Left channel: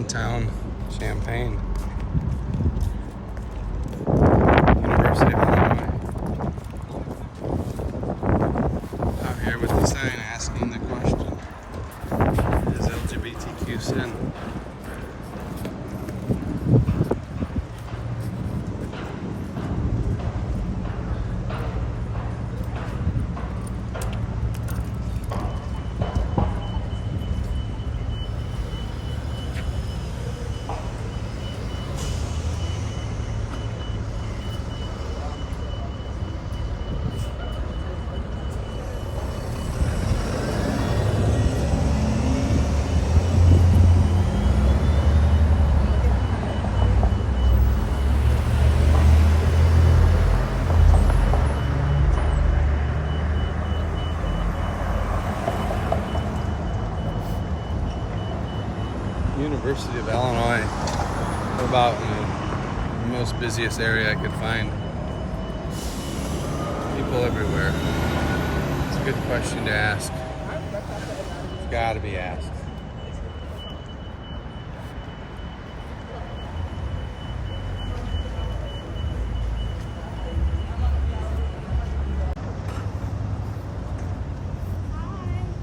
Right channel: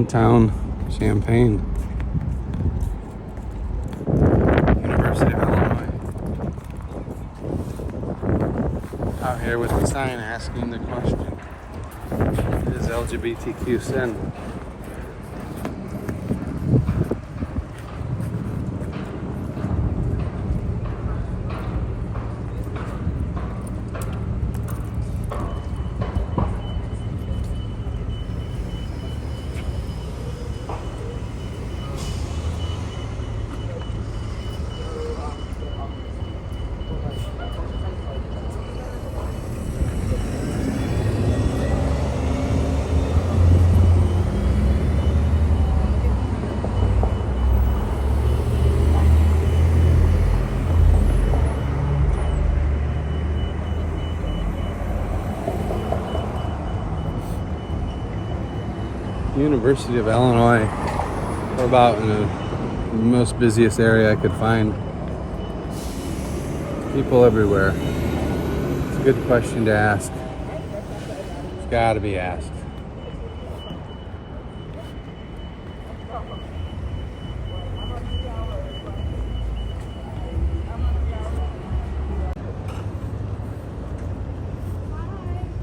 downtown Champaign. University of Illinois. Out here with the sign asking the question, is LGBTQ sin? University of Illinois, about the most busiest area I could find. People everywhere. It's a good question to ask. It's got to be asked.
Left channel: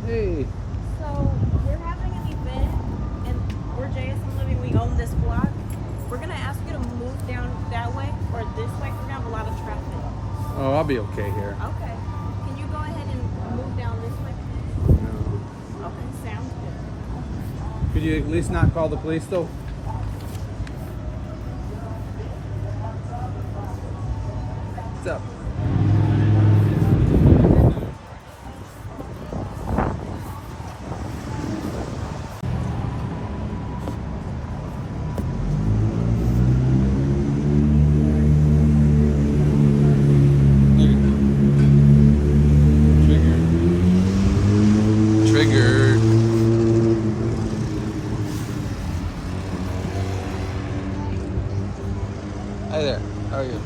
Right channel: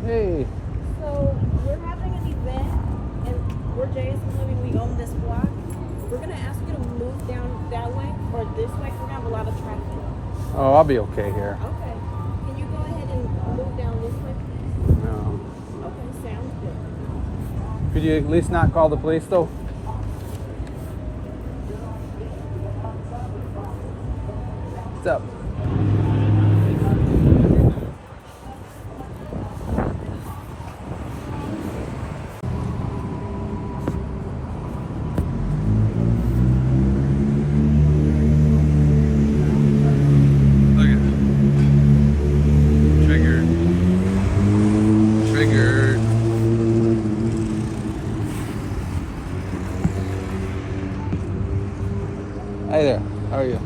Hey. So we're having an event, and we're JSM Living. We own this block. We're gonna ask you to move down that way or this way. We're gonna have a lot of traffic. Oh, I'll be okay here. Okay. Can you go ahead and move down this way? No. Okay, sounds good. Could you at least not call the police though? What's up? Triggered. Hi there. How are you?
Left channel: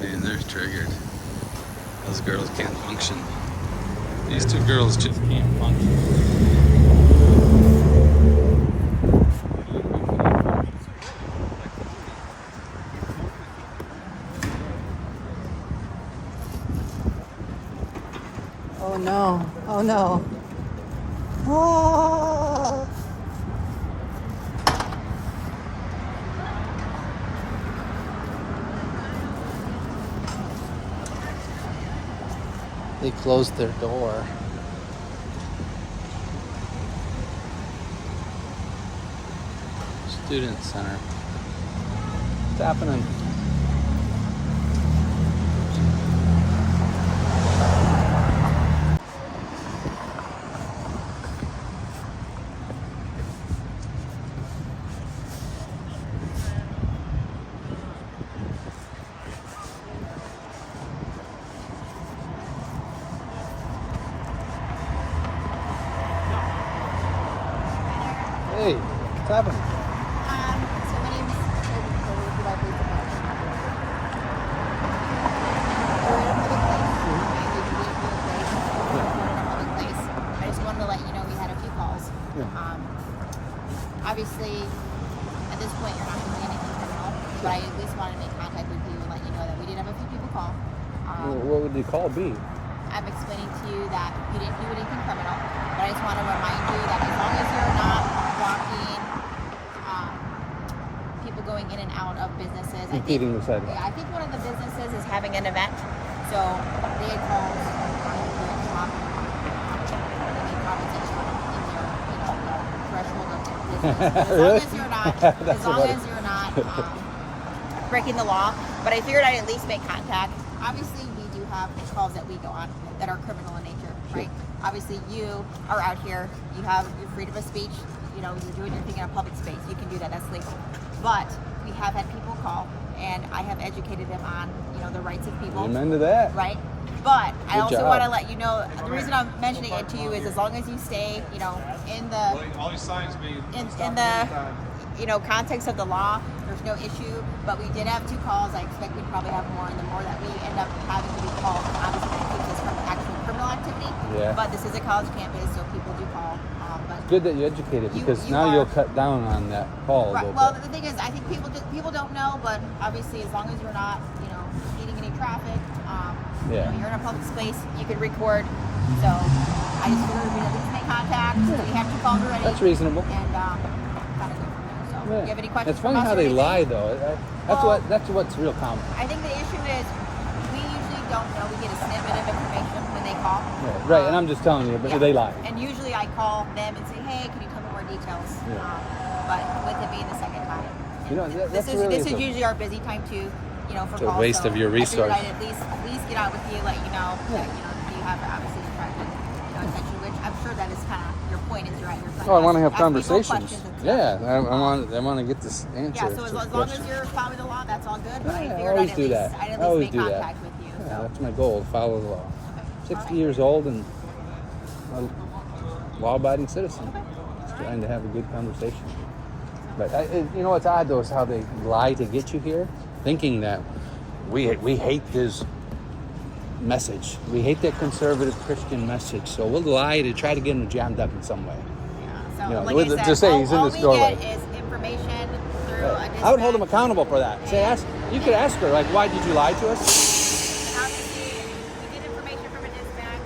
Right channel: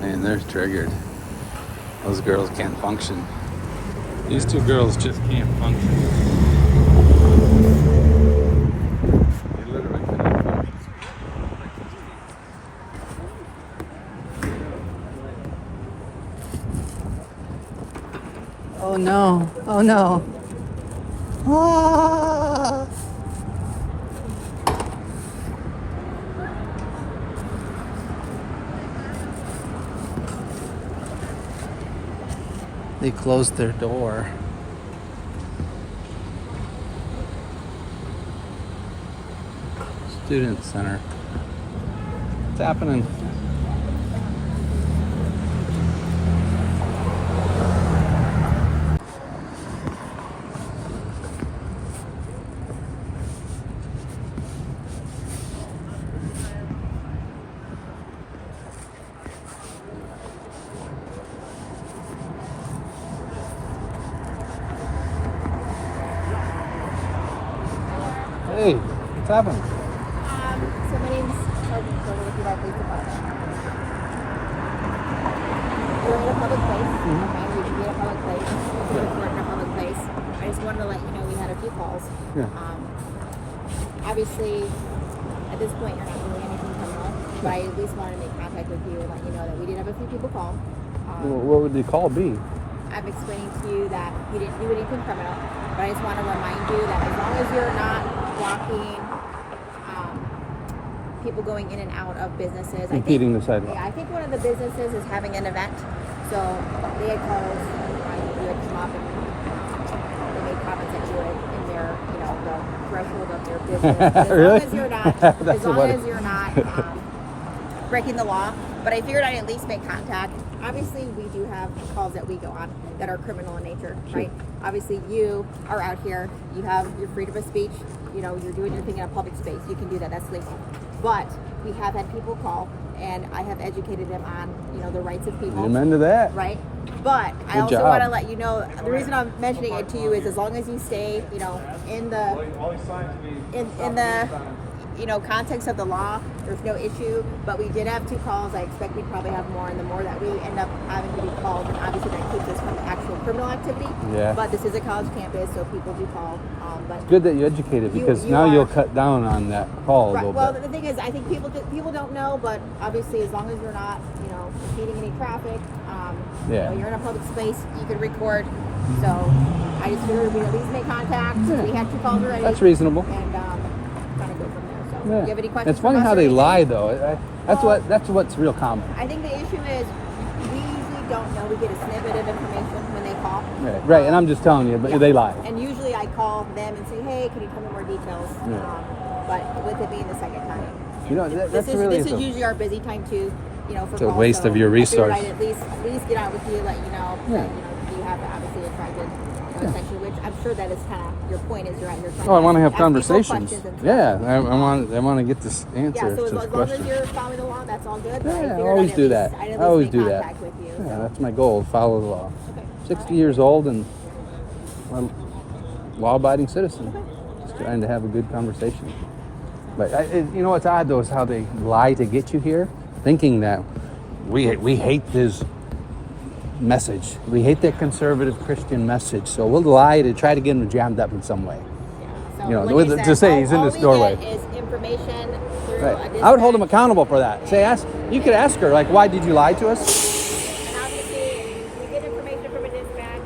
Man, they're triggered. Those girls can't function. These two girls just can't function. Oh no, oh no. Ah. They closed their door. Student Center. What's happening? Hey, what's happening? So my name's Shelby. We're in a public place. We can be a public place. We're in a public place. I just wanted to let you know we had a few calls. Yeah. Obviously, at this point, you're not doing anything criminal, but I at least wanted to make contact with you and let you know that we did have a few people call. What would the call be? I'm explaining to you that you didn't do anything criminal, but I just want to remind you that as long as you're not blocking people going in and out of businesses, Impeding the sidewalk. Yeah, I think one of the businesses is having an event, so they had called, you had come up and they made comments that you were in their, the threshold of their business. As Really? long as you're not, as long as you're not breaking the law. But I figured I'd at least make contact. Obviously, we do have calls that we go on that are criminal in nature, right? Obviously, you are out here. You have your freedom of speech. You're doing anything in a public space. You can do that. That's legal. But we have had people call, and I have educated them on, the rights of people. Amen to that. Right? But I Good also job. want to let you know, the reason I'm mentioning it to you is as long as you stay, in the All these signs being in the context of the law, there's no issue. But we did have 2 calls. I expect we'd probably have more, and the more that we end up having to be called, obviously that keeps us from the actual criminal activity. Yeah. But this is a college campus, so people do call. But Good that you educated, because you now are- you'll cut down on that call a right, little well, bit. the thing is, I think people don't know, but obviously, as long as you're not, impeding any traffic, Yeah. you're in a public space, you can record. So I just figured we'd at least make contact. We have 2 calls already. That's reasonable. And kind of go from there. So, do you have any questions? It's funny from us how or they anything? lie, though. Well, That's what's real common. I think the issue is we usually don't know. We get a snippet of information when they call. Yeah, right, and I'm just telling you, but they lie. And usually I call them and say, hey, can you tell me more details? Yeah. But with it being the second time, That's really this is usually our busy time too. For It's a calls. waste So of your I figured resource. I'd at least get out with you, let you know. Yeah. That, you have obviously attracted attention, which I'm sure that is kind of your point. Is you're trying Well, I to want to have ask people conversations. questions and stuff. Yeah, I want to get this answer. Yeah, so to as the long as question. you're following the law, that's all good. But Yeah, I I figured always I'd do at that. least, I'd I at always least do make that. contact with you. Yeah, So. that's my goal. Follow the law. Okay. 60 years old and a law-abiding citizen. Just trying to have a good conversation. But you know what's odd though is how they lie to get you here, thinking that we hate this message. We hate that conservative Christian message, so we'll lie to try to get them jammed up in some way. So, You know, like with- I said, to say he's in all this we doorway. get is information through a I would hold them dispatch. accountable for that. Say, you could ask her, like, why did you lie to us? And obviously, we get information from a dispatch.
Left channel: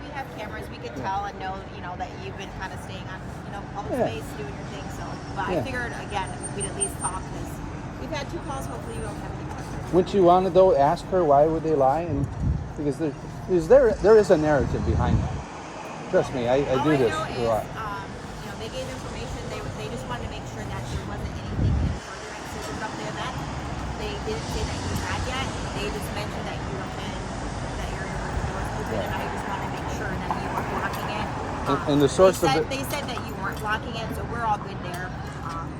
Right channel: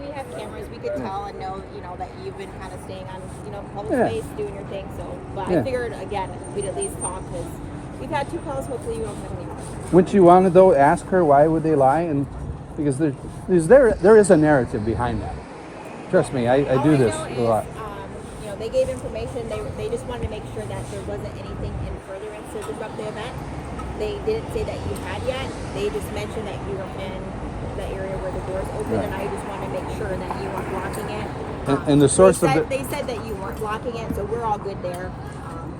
We have cameras. We could tell and know, that you've been kind of staying on, public Yeah. space, doing your thing. So, but Yeah. I figured again, we'd at least talk because we've had 2 calls. Hopefully, you don't have any more. Wouldn't you want to though ask her why would they lie? And because there is a narrative behind that. Trust me, I All do I this know a lot. is, they gave information. They just wanted to make sure that there wasn't anything in furtherance of the event. They didn't say that you had yet. They just mentioned that you were in the area where the doors open, and I just wanted to make sure that you weren't blocking it. And the source of they said that you weren't blocking it, so we're all good there.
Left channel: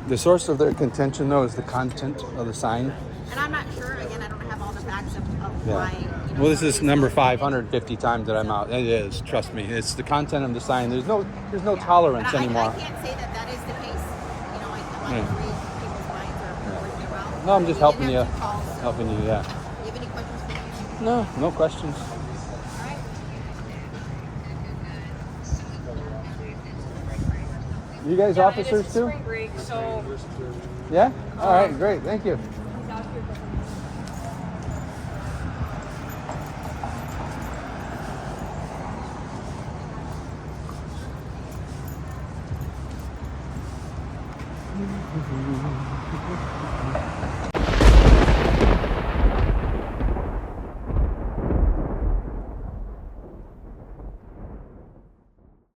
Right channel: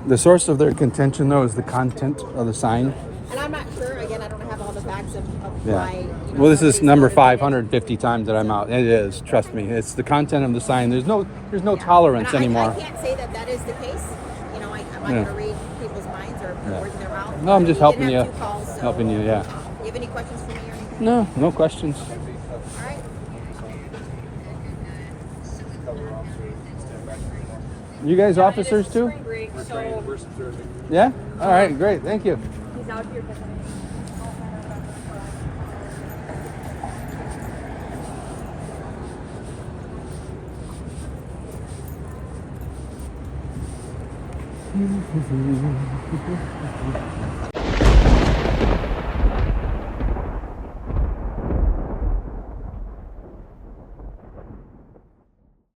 The source of their contention though is the content of the sign. And I'm not sure. Again, I don't have all the facts of Yeah. why. Well, this is somebody's number motivated. 550 times that I'm out. It is. Trust me. It's the content of the sign. There's no tolerance And anymore. I can't say that is the case. I'm not Yeah. going to read people's minds or put words in their mouth. No, I'm just We helping did you. have 2 calls, so, Helping you, yeah. Do you have any questions for me? No questions. All right. You guys officers too? Break, so Yeah? All right, great. Thank you. he's out here.